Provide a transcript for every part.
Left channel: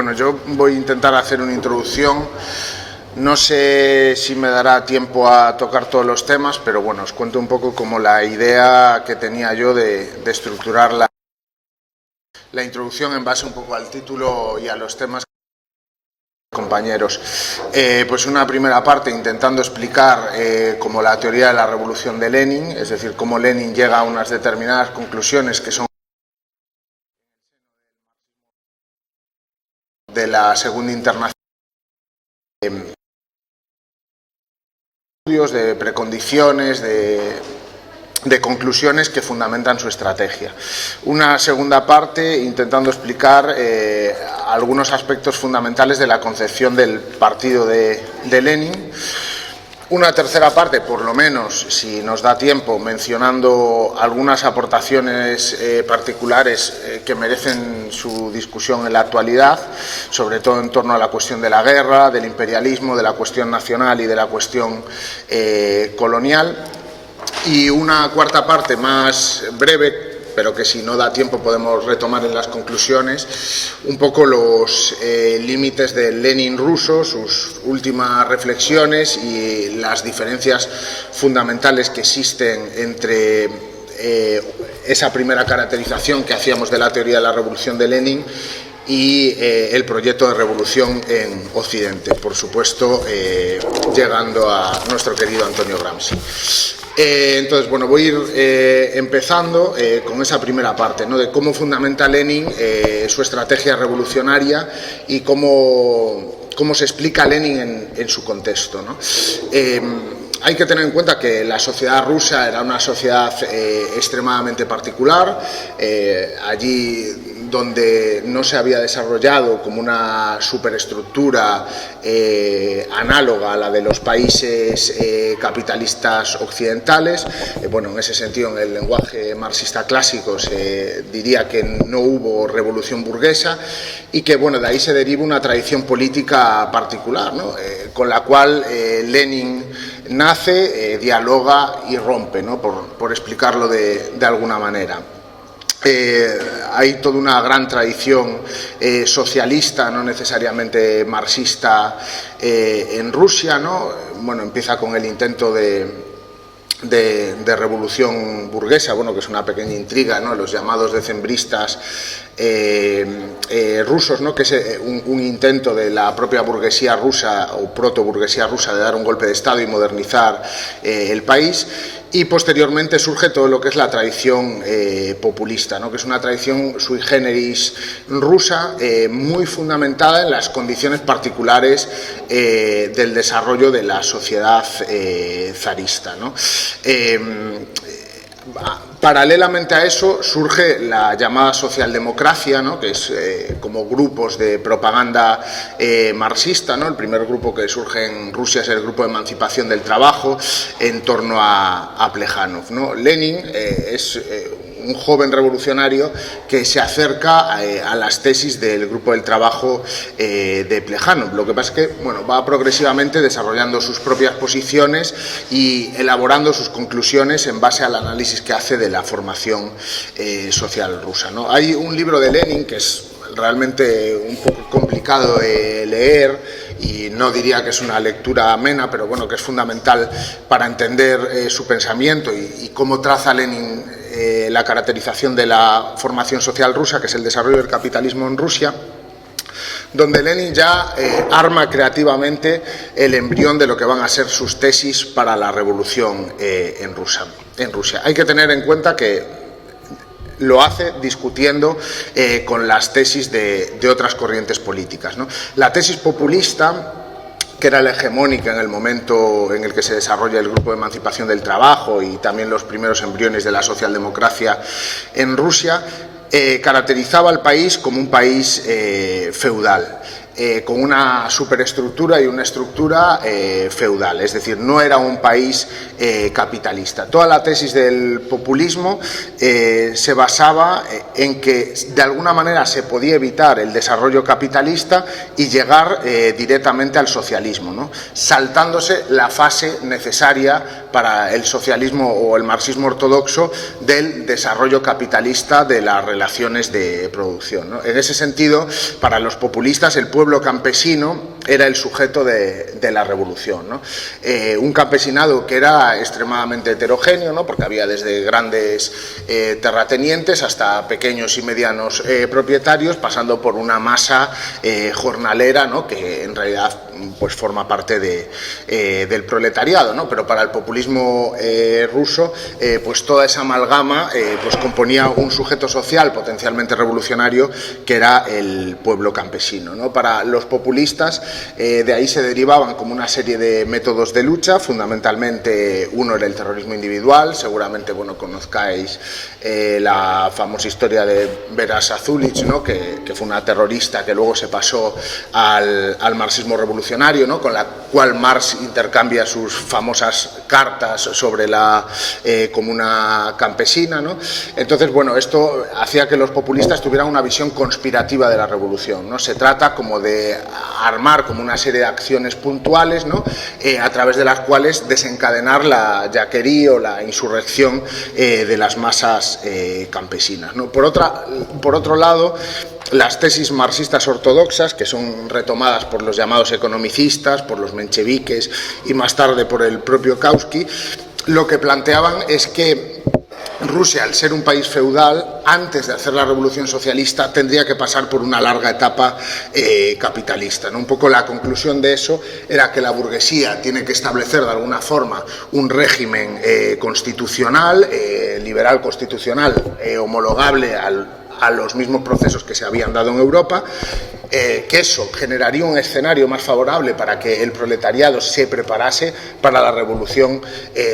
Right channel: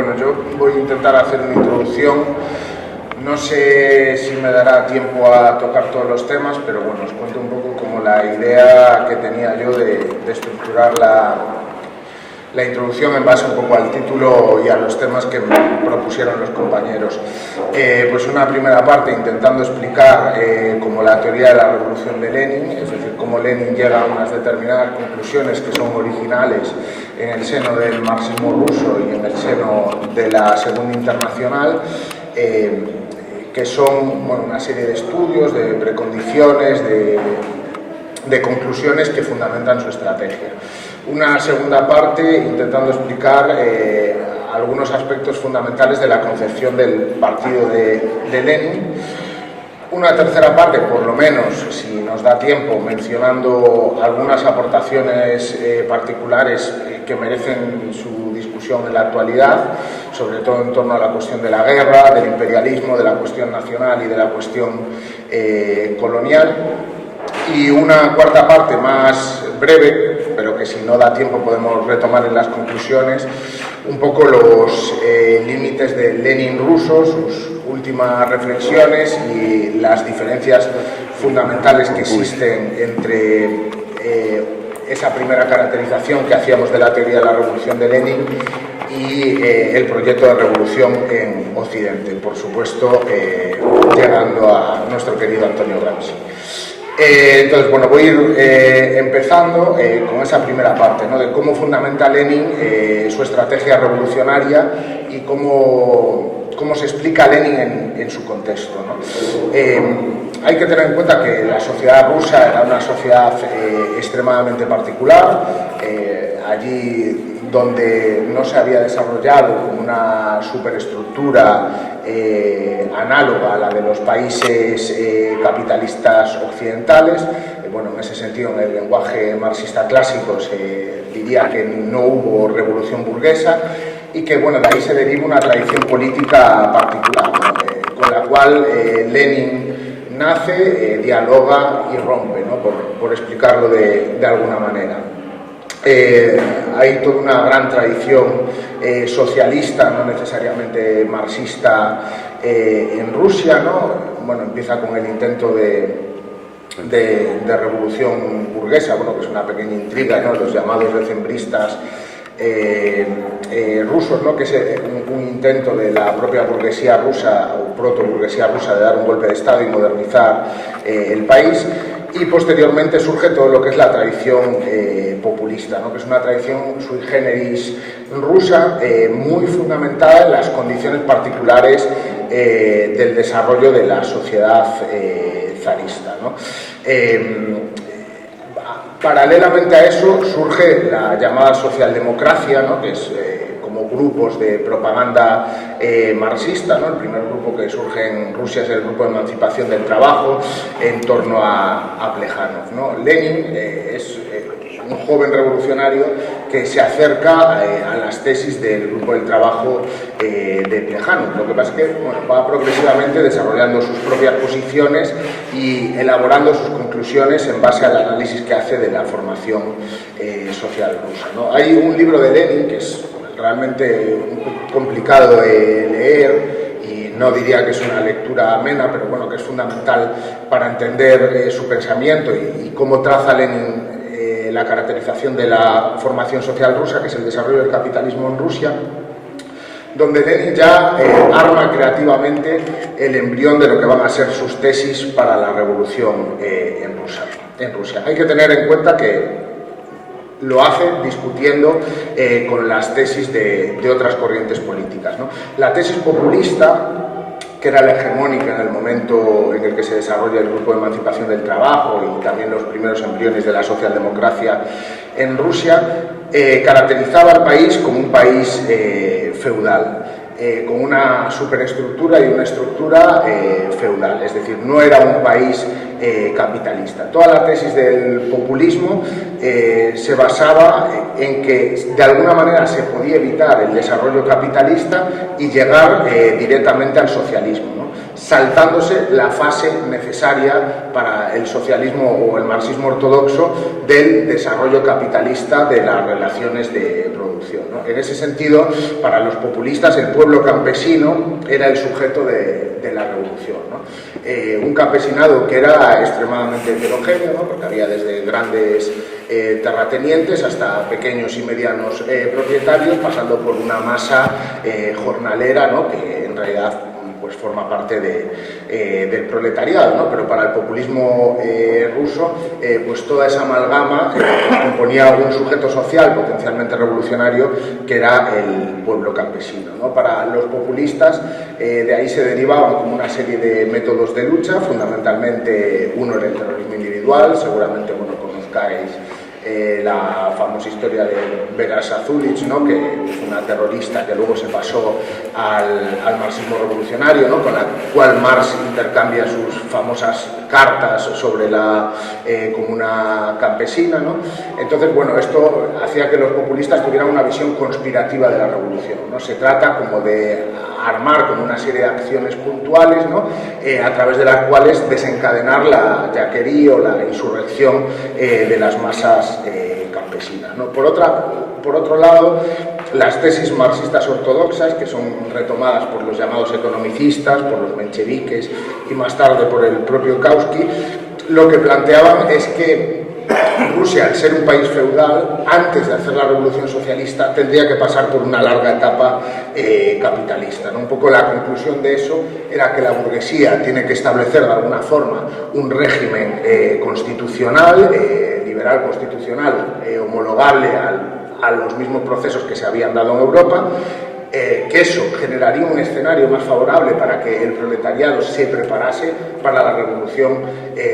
Bueno, yo voy a intentar hacer una introducción. No sé si me dará tiempo a tocar todos los temas, pero bueno, os cuento un poco como la idea que tenía yo de estructurar la introducción en base un poco al título y a los temas que me propusieron los compañeros. Pues una primera parte intentando explicar como la teoría de la revolución de Lenin, es decir, cómo Lenin llega a unas determinadas conclusiones que son originales en el seno del marxismo ruso y en el seno de la Segunda Internacional, que son una serie de estudios, de precondiciones, de conclusiones que fundamentan su estrategia. Una segunda parte intentando explicar algunos aspectos fundamentales de la concepción del partido de Lenin. Una tercera parte, por lo menos, si nos da tiempo, mencionando algunas aportaciones particulares que merecen su discusión en la actualidad, sobre todo en torno a la cuestión de la guerra, del imperialismo, de la cuestión nacional y de la cuestión colonial. Y una cuarta parte más breve, pero que si no da tiempo podemos retomar en las conclusiones, un poco los límites del Lenin ruso, sus últimas reflexiones y las diferencias fundamentales que existen entre esa primera caracterización que hacíamos de la teoría de la revolución de Lenin y el proyecto de revolución en Occidente, por supuesto, llegando a nuestro querido Antonio Gramsci. Entonces, bueno, voy a ir empezando con esa primera parte, ¿no?, de cómo fundamenta Lenin su estrategia revolucionaria y cómo se explica Lenin en su contexto, ¿no? Hay que tener en cuenta que la sociedad rusa era una sociedad extremadamente particular. Allí donde no se había desarrollado como una superestructura análoga a la de los países capitalistas occidentales. Bueno, en ese sentido, en el lenguaje marxista clásico se diría que no hubo revolución burguesa y que, bueno, de ahí se deriva una tradición política particular, ¿no?, con la cual Lenin nace, dialoga y rompe, ¿no?, por explicarlo de alguna manera. Hay toda una gran tradición socialista, no necesariamente marxista, en Rusia, ¿no? Bueno, empieza con el intento de revolución burguesa, bueno, que es una pequeña intriga, ¿no?, los llamados decembristas rusos, ¿no?, que es un intento de la propia burguesía rusa o proto-burguesía rusa de dar un golpe de Estado y modernizar el país. Y posteriormente surge todo lo que es la tradición populista, ¿no?, que es una tradición sui generis rusa, muy fundamentada en las condiciones particulares del desarrollo de la sociedad zarista, ¿no? Paralelamente a eso surge la llamada socialdemocracia, ¿no?, que es como grupos de propaganda marxista, ¿no? El primer grupo que surge en Rusia es el Grupo de Emancipación del Trabajo, en torno a Plejánov, ¿no? Lenin es un joven revolucionario que se acerca a las tesis del Grupo del Trabajo de Plejánov. Lo que pasa es que, bueno, va progresivamente desarrollando sus propias posiciones y elaborando sus conclusiones en base al análisis que hace de la formación social rusa, ¿no? Hay un libro de Lenin que es realmente un poco complicado de leer y no diría que es una lectura amena, pero bueno, que es fundamental para entender su pensamiento y cómo traza Lenin la caracterización de la formación social rusa, que es el desarrollo del capitalismo en Rusia, donde Lenin ya arma creativamente el embrión de lo que van a ser sus tesis para la revolución en Rusia. Hay que tener en cuenta que lo hace discutiendo con las tesis de otras corrientes políticas, ¿no? La tesis populista, que era la hegemónica en el momento en el que se desarrolla el Grupo de Emancipación del Trabajo y también los primeros embriones de la socialdemocracia en Rusia, caracterizaba al país como un país feudal. con una superestructura y una estructura feudal, es decir, no era un país capitalista. Toda la tesis del populismo se basaba en que de alguna manera se podía evitar el desarrollo capitalista y llegar directamente al socialismo, ¿no? Saltándose la fase necesaria para el socialismo o el marxismo ortodoxo del desarrollo capitalista de las relaciones de producción, ¿no? En ese sentido, para los populistas, el pueblo campesino era el sujeto de la revolución, ¿no? Un campesinado que era extremadamente heterogéneo, ¿no? Porque había desde grandes terratenientes hasta pequeños y medianos propietarios, pasando por una masa jornalera, ¿no? Que en realidad pues forma parte del proletariado, ¿no? Pero para el populismo ruso, pues toda esa amalgama pues componía un sujeto social potencialmente revolucionario que era el pueblo campesino, ¿no? Para los populistas, de ahí se derivaban como una serie de métodos de lucha, fundamentalmente uno era el terrorismo individual, seguramente, bueno, conozcáis la famosa historia de Vera Sazulich, ¿no? que fue una terrorista que luego se pasó al marxismo revolucionario, ¿no? Con la cual Marx intercambia sus famosas cartas sobre la comuna campesina, ¿no? Entonces, bueno, esto hacía que los populistas tuvieran una visión conspirativa de la revolución, ¿no? Se trata como de armar como una serie de acciones puntuales, ¿no? A través de las cuales desencadenar la yaquería o la insurrección de las masas campesinas, ¿no? Por otro lado, las tesis marxistas ortodoxas, que son retomadas por los llamados economicistas, por los mencheviques y más tarde por el propio Kautsky, lo que planteaban es que Rusia, al ser un país feudal, antes de hacer la revolución socialista, tendría que pasar por una larga etapa capitalista, ¿no? Un poco la conclusión de eso era que la burguesía tiene que establecer de alguna forma un régimen constitucional, liberal constitucional, homologable a los mismos procesos que se habían dado en Europa, que eso generaría un escenario más favorable para que el proletariado se preparase para la revolución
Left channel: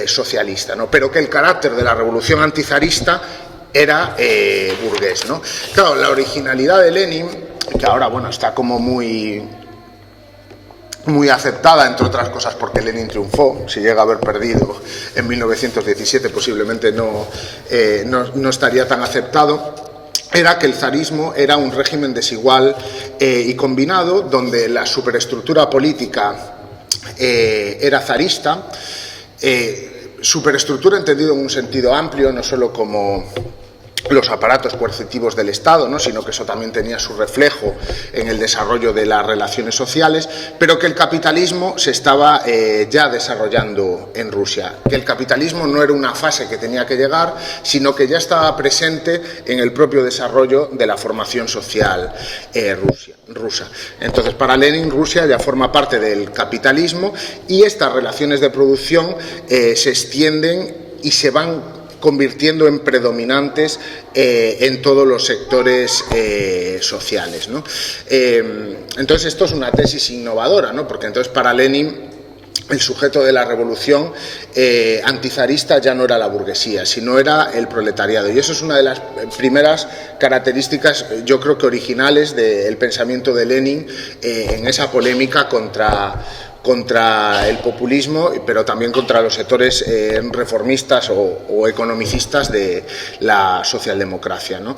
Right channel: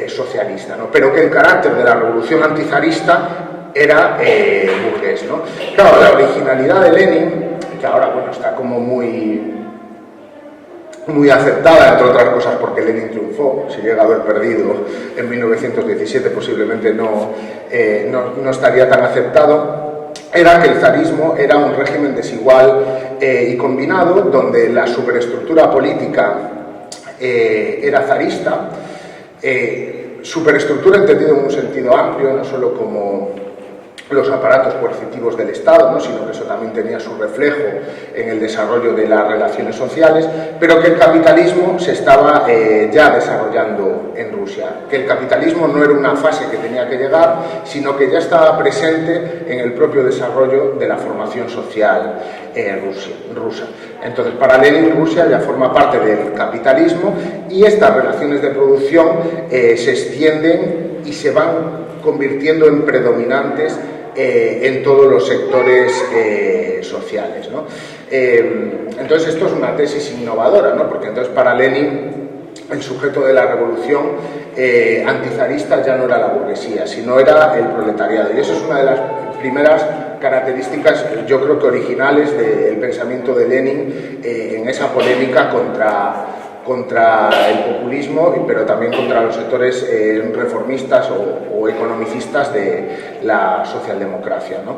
socialista, ¿no? Pero que el carácter de la revolución antizarista era burgués, ¿no? Claro, la originalidad de Lenin, que ahora, bueno, está como muy aceptada, entre otras cosas porque Lenin triunfó. Si llega a haber perdido en 1917 posiblemente no estaría tan aceptado, era que el zarismo era un régimen desigual y combinado, donde la superestructura política era zarista, superestructura entendido en un sentido amplio, no solo como los aparatos coercitivos del Estado, ¿no? Sino que eso también tenía su reflejo en el desarrollo de las relaciones sociales, pero que el capitalismo se estaba ya desarrollando en Rusia, que el capitalismo no era una fase que tenía que llegar, sino que ya estaba presente en el propio desarrollo de la formación social rusa. Entonces, para Lenin, Rusia ya forma parte del capitalismo y estas relaciones de producción se extienden y se van convirtiendo en predominantes en todos los sectores sociales, ¿no? Entonces esto es una tesis innovadora, ¿no? Porque entonces para Lenin el sujeto de la revolución antizarista ya no era la burguesía, sino era el proletariado, y eso es una de las primeras características, yo creo que originales del pensamiento de Lenin en esa polémica contra el populismo, pero también contra los sectores reformistas o economicistas de la socialdemocracia, ¿no?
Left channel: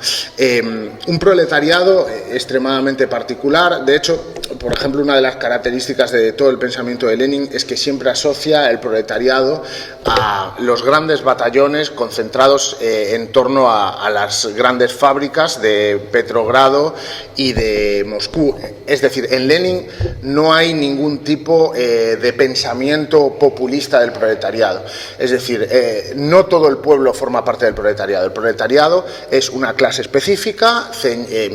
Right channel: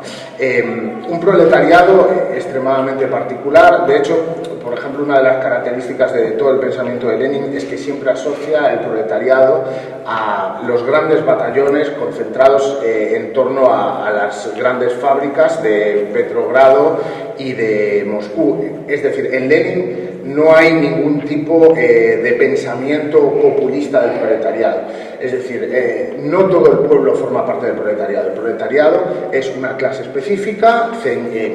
Un proletariado extremadamente particular. De hecho, por ejemplo, una de las características de todo el pensamiento de Lenin es que siempre asocia el proletariado a los grandes batallones concentrados en torno a las grandes fábricas de Petrogrado y de Moscú. Es decir, en Lenin no hay ningún tipo de pensamiento populista del proletariado. Es decir, no todo el pueblo forma parte del proletariado. El proletariado es una clase específica,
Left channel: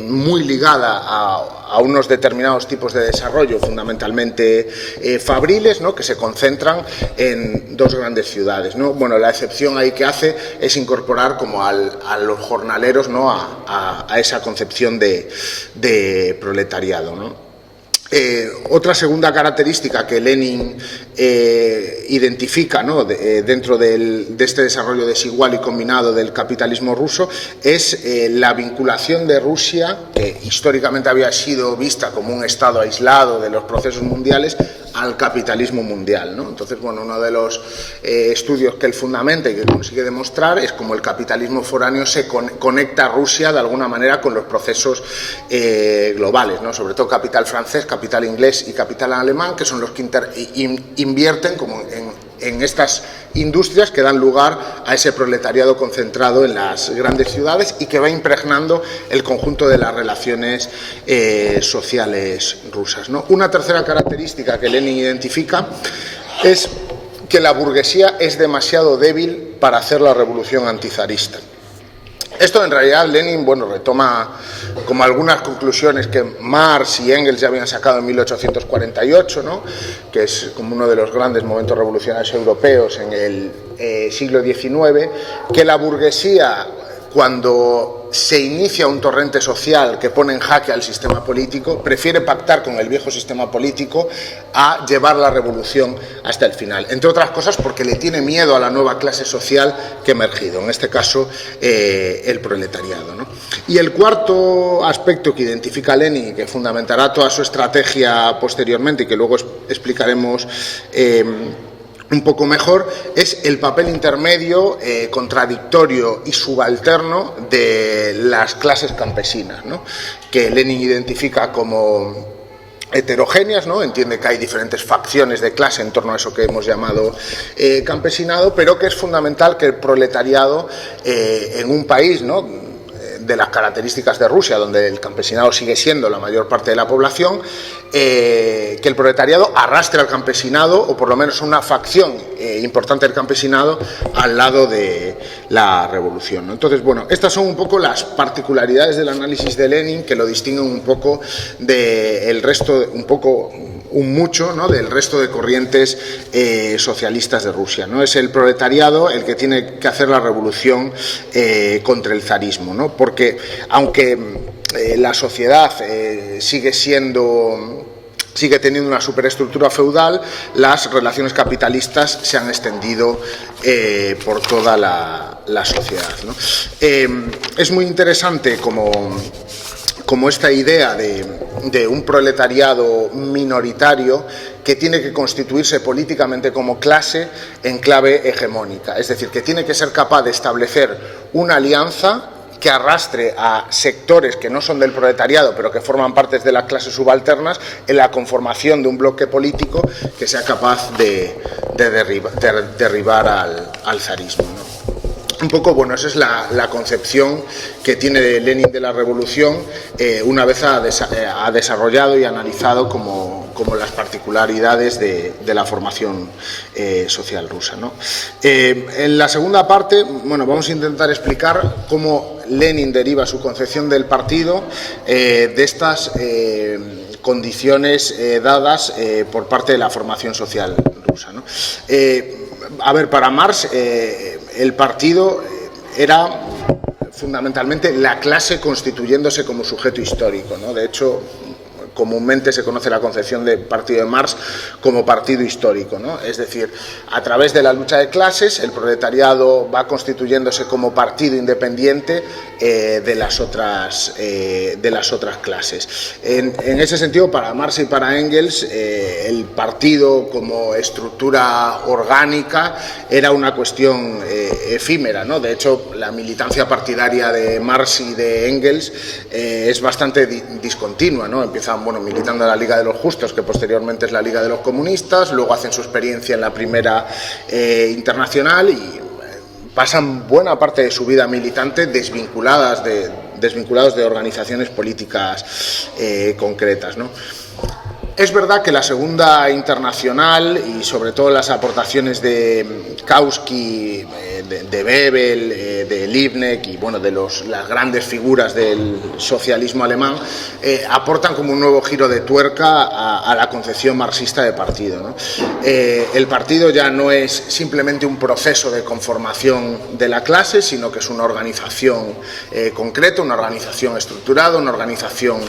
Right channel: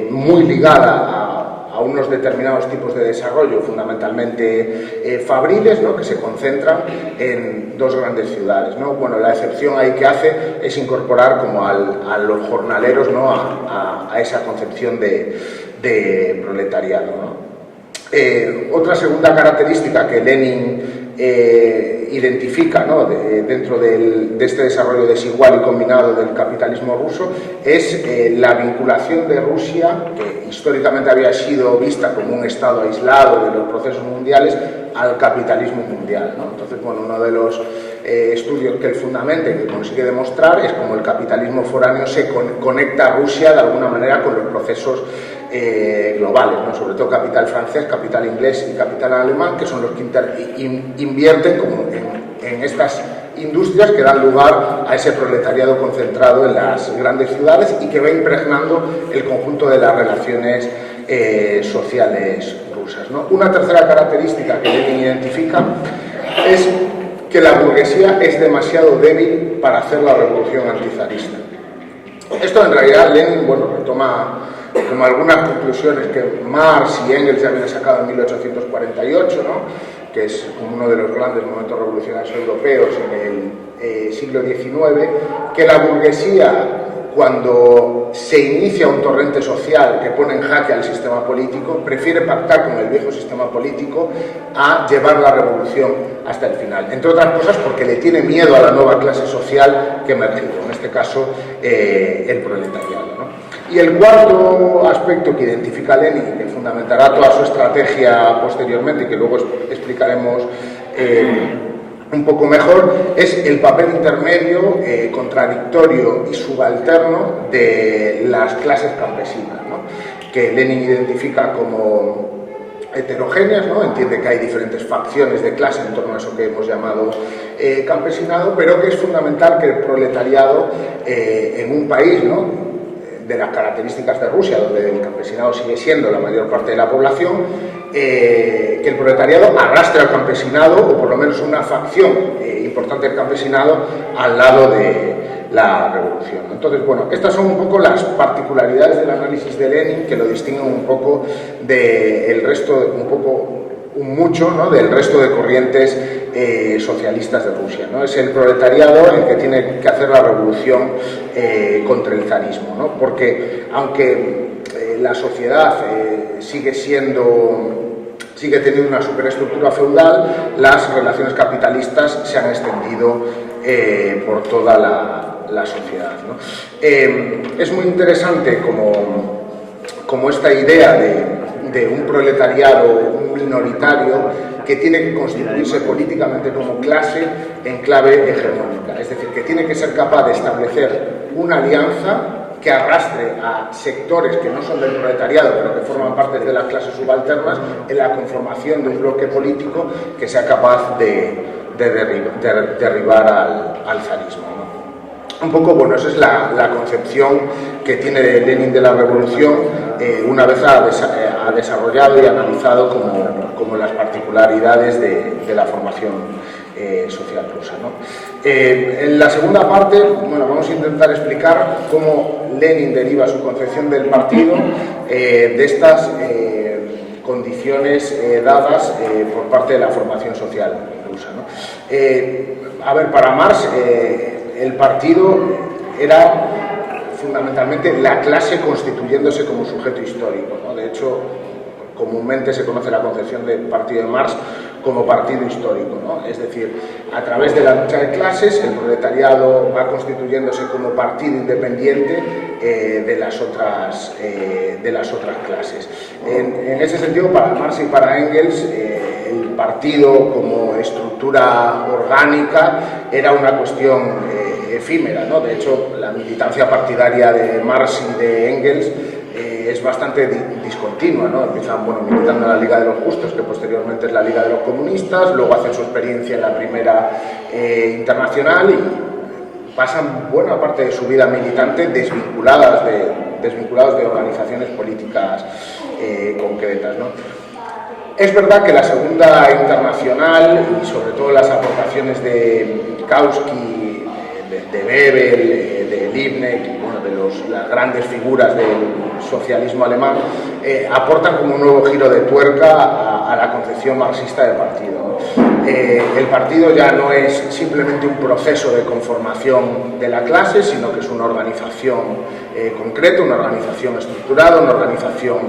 muy ligada a unos determinados tipos de desarrollo, fundamentalmente fabriles, ¿no? Que se concentran en dos grandes ciudades, ¿no? Bueno, la excepción ahí que hace es incorporar como a los jornaleros, ¿no? a esa concepción de proletariado, ¿no? Otra segunda característica que Lenin identifica, ¿no?, dentro de este desarrollo desigual y combinado del capitalismo ruso es la vinculación de Rusia, que históricamente había sido vista como un estado aislado de los procesos mundiales, al capitalismo mundial, ¿no? Entonces, bueno, uno de los estudios que él fundamenta y que consigue demostrar es cómo el capitalismo foráneo se conecta a Rusia de alguna manera con los procesos globales, ¿no? Sobre todo capital francés, capital inglés y capital alemán, que son los que invierten como en estas industrias que dan lugar a ese proletariado concentrado en las grandes ciudades y que va impregnando el conjunto de las relaciones sociales rusas, ¿no? Una tercera característica que Lenin identifica es que la burguesía es demasiado débil para hacer la revolución antizarista. Esto en realidad Lenin, bueno, retoma como algunas conclusiones que Marx y Engels ya habían sacado en 1848, ¿no?, que es como uno de los grandes momentos revolucionarios europeos en el siglo XIX, que la burguesía, cuando se inicia un torrente social que pone en jaque al sistema político, prefiere pactar con el viejo sistema político a llevar la revolución hasta el final. Entre otras cosas porque le tiene miedo a la nueva clase social que ha emergido, en este caso el proletariado, ¿no? Y el cuarto aspecto que identifica Lenin y que fundamentará toda su estrategia posteriormente y que luego explicaremos un poco mejor, es el papel intermedio, contradictorio y subalterno de las clases campesinas, ¿no?, que Lenin identifica como heterogéneas, ¿no? Entiende que hay diferentes facciones de clase en torno a eso que hemos llamado campesinado, pero que es fundamental que el proletariado en un país, ¿no?, de las características de Rusia, donde el campesinado sigue siendo la mayor parte de la población, que el proletariado arrastre al campesinado, o por lo menos una facción importante del campesinado, al lado de la revolución, ¿no? Entonces, bueno, estas son un poco las particularidades del análisis de Lenin que lo distinguen un poco del resto, mucho, ¿no?, del resto de corrientes socialistas de Rusia, ¿no? Es el proletariado el que tiene que hacer la revolución contra el zarismo, ¿no? Porque aunque la sociedad sigue teniendo una superestructura feudal, las relaciones capitalistas se han extendido por toda la sociedad, ¿no? Es muy interesante como esta idea de un proletariado minoritario que tiene que constituirse políticamente como clase en clave hegemónica, es decir, que tiene que ser capaz de establecer una alianza que arrastre a sectores que no son del proletariado pero que forman parte de las clases subalternas en la conformación de un bloque político que sea capaz de derribar al zarismo, ¿no? Un poco, bueno, esa es la concepción que tiene Lenin de la revolución una vez ha desarrollado y analizado como las particularidades de la formación social rusa, ¿no? En la segunda parte, bueno, vamos a intentar explicar cómo Lenin deriva su concepción del partido de estas condiciones dadas por parte de la formación social rusa, ¿no? A ver, para Marx el partido era fundamentalmente la clase constituyéndose como sujeto histórico, ¿no? De hecho, comúnmente se conoce la concepción de partido de Marx como partido histórico, ¿no? Es decir, a través de la lucha de clases, el proletariado va constituyéndose como partido independiente de las otras clases. En ese sentido, para Marx y para Engels, el partido como estructura orgánica era una cuestión efímera, ¿no? De hecho, la militancia partidaria de Marx y de Engels es bastante discontinua, ¿no? Empiezan, bueno, militando en la Liga de los Justos, que posteriormente es la Liga de los Comunistas, luego hacen su experiencia en la Primera Internacional y pasan buena parte de su vida militante desvinculados de organizaciones políticas concretas, ¿no? Es verdad que la Segunda Internacional y sobre todo las aportaciones de Kautsky, de Bebel, de Liebknecht y bueno, de las grandes figuras del socialismo alemán aportan como un nuevo giro de tuerca a la concepción marxista de partido, ¿no? El partido ya no es simplemente un proceso de conformación de la clase, sino que es una organización concreta, una organización estructurada, una organización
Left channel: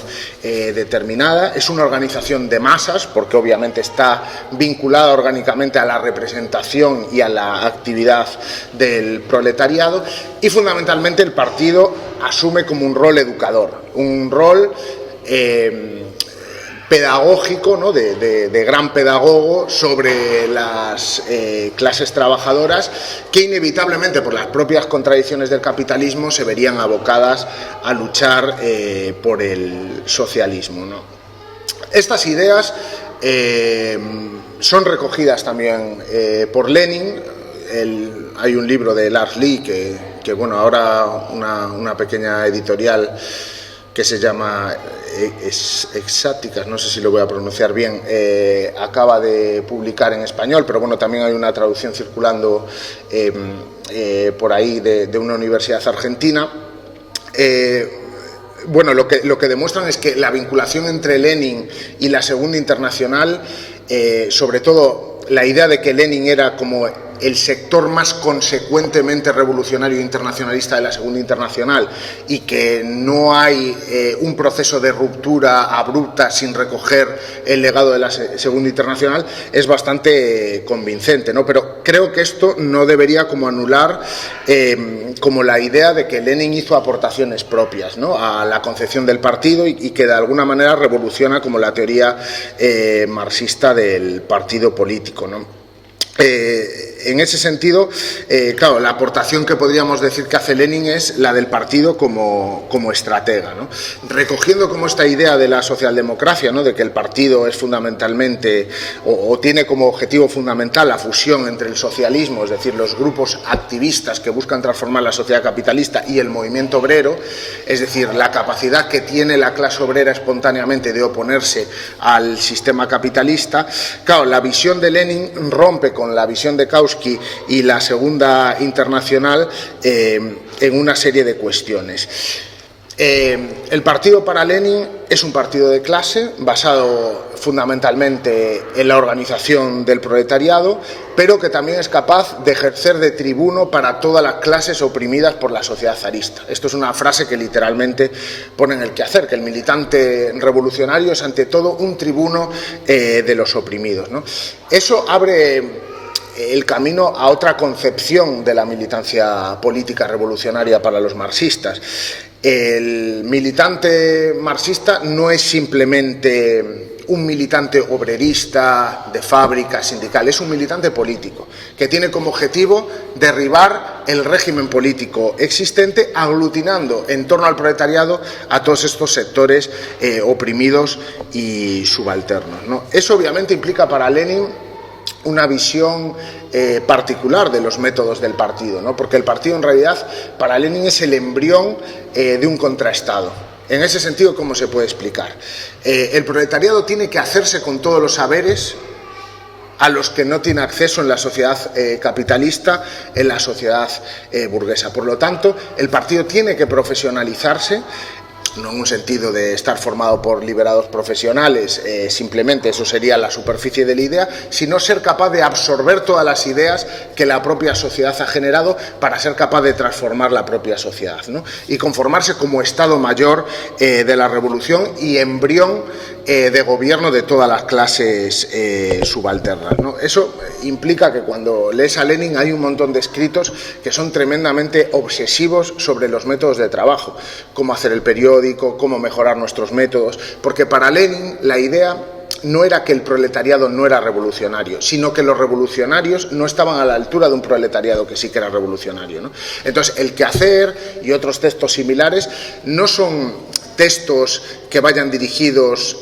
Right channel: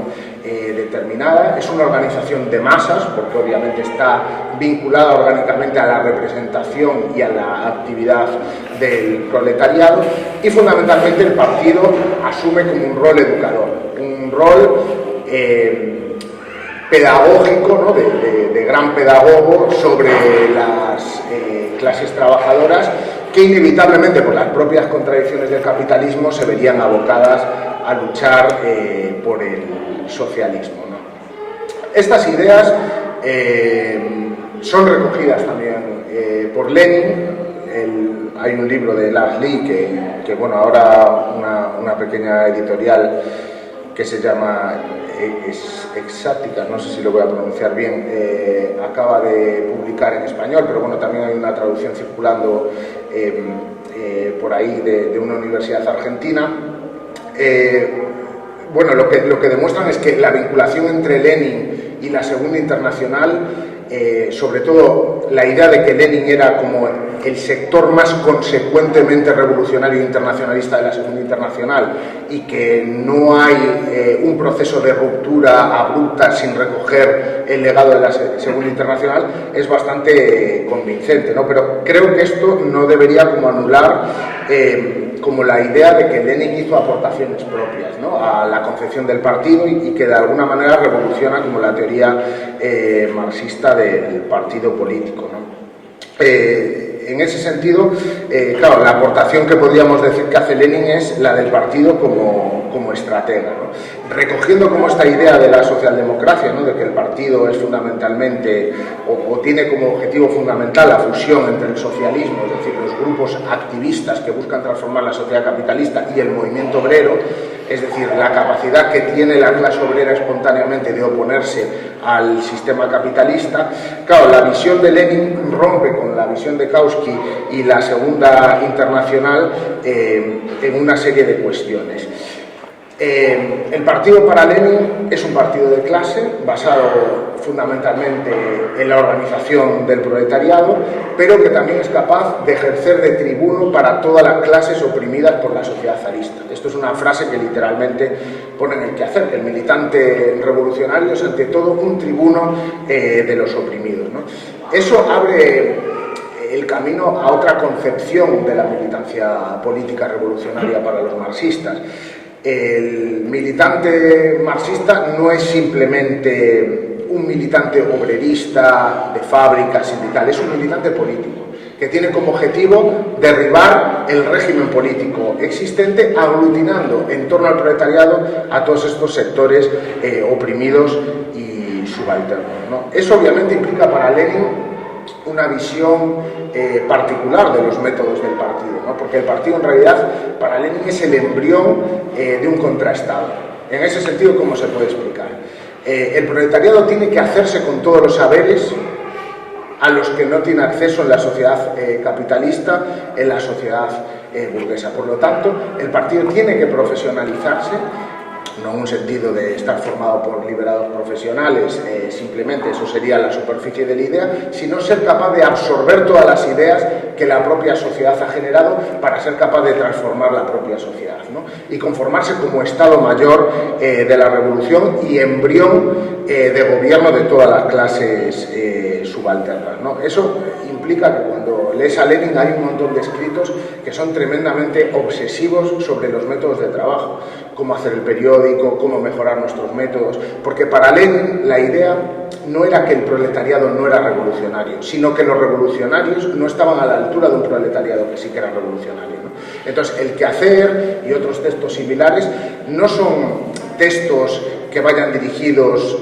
determinada. Es una organización de masas, porque obviamente está vinculada orgánicamente a la representación y a la actividad del proletariado, y fundamentalmente el partido asume como un rol educador, un rol pedagógico, ¿no? de gran pedagogo sobre las clases trabajadoras, que inevitablemente por las propias contradicciones del capitalismo se verían abocadas a luchar por el socialismo, ¿no? Estas ideas son recogidas también por Lenin. Hay un libro de Lars Lee que bueno, ahora una pequeña editorial que se llama Exáticas, no sé si lo voy a pronunciar bien, acaba de publicar en español, pero bueno, también hay una traducción circulando por ahí de una universidad argentina. Bueno, lo que demuestran es que la vinculación entre Lenin y la Segunda Internacional, sobre todo la idea de que Lenin era como el sector más consecuentemente revolucionario e internacionalista de la Segunda Internacional, y que no hay un proceso de ruptura abrupta sin recoger el legado de la Segunda Internacional, es bastante convincente, ¿no? Pero creo que esto no debería como anular como la idea de que Lenin hizo aportaciones propias, ¿no?, a la concepción del partido, y que de alguna manera revoluciona como la teoría marxista del partido político, ¿no? En ese sentido, claro, la aportación que podríamos decir que hace Lenin es la del partido como estratega, ¿no? Recogiendo como esta idea de la socialdemocracia, ¿no?, de que el partido es fundamentalmente o tiene como objetivo fundamental la fusión entre el socialismo, es decir, los grupos activistas que buscan transformar la sociedad capitalista, y el movimiento obrero, es decir, la capacidad que tiene la clase obrera espontáneamente de oponerse al sistema capitalista. Claro, la visión de Lenin rompe con la visión de Kautsky y la Segunda Internacional en una serie de cuestiones. El partido para Lenin es un partido de clase basado fundamentalmente en la organización del proletariado, pero que también es capaz de ejercer de tribuno para todas las clases oprimidas por la sociedad zarista. Esto es una frase que literalmente pone en el quehacer, que el militante revolucionario es ante todo un tribuno de los oprimidos, ¿no? Eso abre el camino a otra concepción de la militancia política revolucionaria para los marxistas. El militante marxista no es simplemente un militante obrerista de fábrica, sindical, es un militante político que tiene como objetivo derribar el régimen político existente, aglutinando en torno al proletariado a todos estos sectores oprimidos y subalternos, ¿no? Eso obviamente implica para Lenin una visión particular de los métodos del partido, ¿no? Porque el partido en realidad para Lenin es el embrión de un contraestado. En ese sentido, ¿cómo se puede explicar? El proletariado tiene que hacerse con todos los saberes a los que no tiene acceso en la sociedad capitalista, en la sociedad burguesa. Por lo tanto, el partido tiene que profesionalizarse, no en un sentido de estar formado por liberados profesionales, simplemente eso sería la superficie de la idea, sino ser capaz de absorber todas las ideas que la propia sociedad ha generado para ser capaz de transformar la propia sociedad, ¿no? Y conformarse como Estado Mayor de la revolución y embrión de gobierno de todas las clases subalternas, ¿no? Eso implica que cuando lees a Lenin hay un montón de escritos que son tremendamente obsesivos sobre los métodos de trabajo, cómo hacer el periódico, cómo mejorar nuestros métodos, porque para Lenin la idea no era que el proletariado no era revolucionario, sino que los revolucionarios no estaban a la altura de un proletariado que sí que era revolucionario, ¿no? Entonces, el quehacer y otros textos similares no son textos que vayan dirigidos,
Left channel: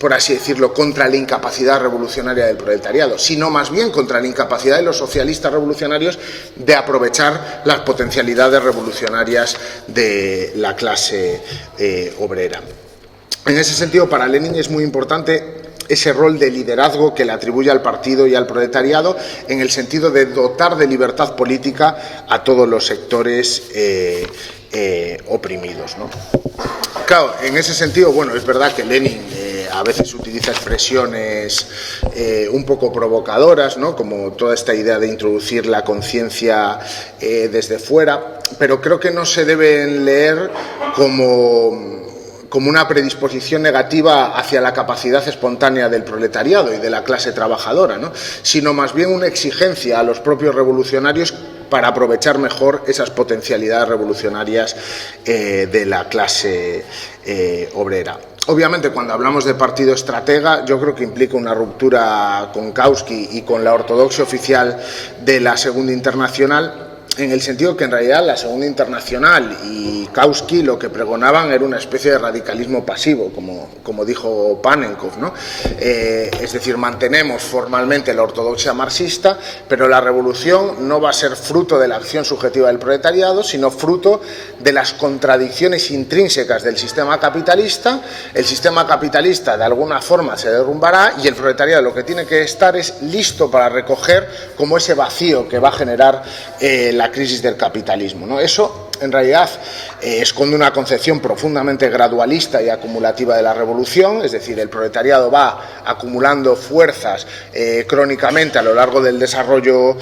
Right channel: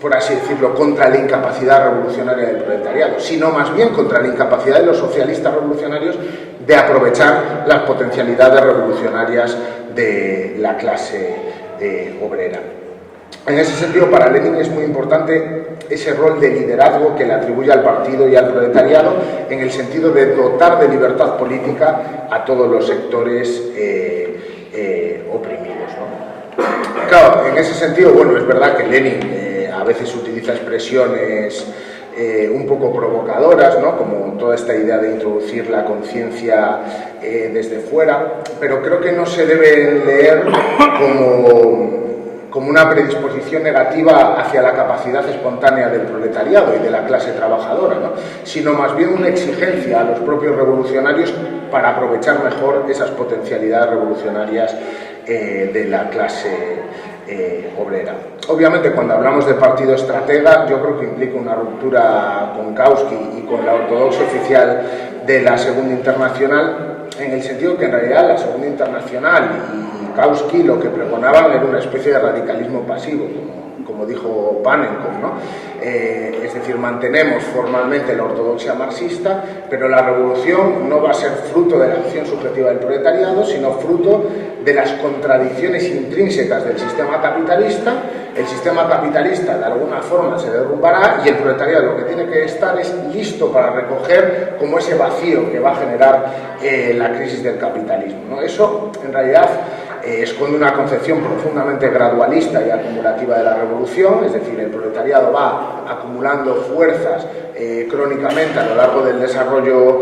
por así decirlo, contra la incapacidad revolucionaria del proletariado, sino más bien contra la incapacidad de los socialistas revolucionarios de aprovechar las potencialidades revolucionarias de la clase obrera. En ese sentido, para Lenin es muy importante ese rol de liderazgo que le atribuye al partido y al proletariado, en el sentido de dotar de libertad política a todos los sectores oprimidos, ¿no? Claro, en ese sentido, bueno, es verdad que Lenin a veces utiliza expresiones un poco provocadoras, ¿no? Como toda esta idea de introducir la conciencia desde fuera, pero creo que no se debe leer como una predisposición negativa hacia la capacidad espontánea del proletariado y de la clase trabajadora, ¿no? Sino más bien una exigencia a los propios revolucionarios para aprovechar mejor esas potencialidades revolucionarias de la clase obrera. Obviamente, cuando hablamos de partido estratega, yo creo que implica una ruptura con Kautsky y con la ortodoxia oficial de la Segunda Internacional, en el sentido que en realidad la Segunda Internacional y Kautsky lo que pregonaban era una especie de radicalismo pasivo, como dijo Pannekow, ¿no? Es decir, mantenemos formalmente la ortodoxia marxista, pero la revolución no va a ser fruto de la acción subjetiva del proletariado, sino fruto de las contradicciones intrínsecas del sistema capitalista. El sistema capitalista de alguna forma se derrumbará y el proletariado lo que tiene que estar es listo para recoger como ese vacío que va a generar la crisis del capitalismo, ¿no? Eso en realidad esconde una concepción profundamente gradualista y acumulativa de la revolución, es decir, el proletariado va acumulando fuerzas crónicamente a lo largo del desarrollo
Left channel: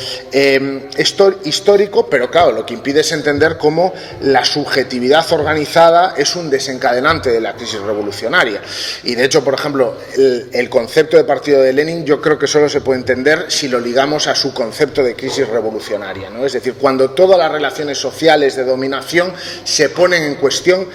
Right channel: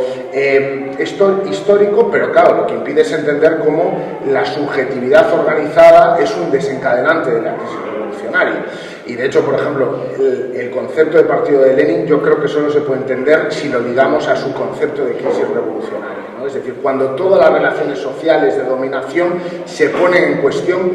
histórico, pero claro, lo que impide es entender cómo la subjetividad organizada es un desencadenante de la crisis revolucionaria. Y de hecho, por ejemplo, el concepto de partido de Lenin yo creo que solo se puede entender si lo ligamos a su concepto de crisis revolucionaria, ¿no? Es decir, cuando todas las relaciones sociales de dominación se ponen en cuestión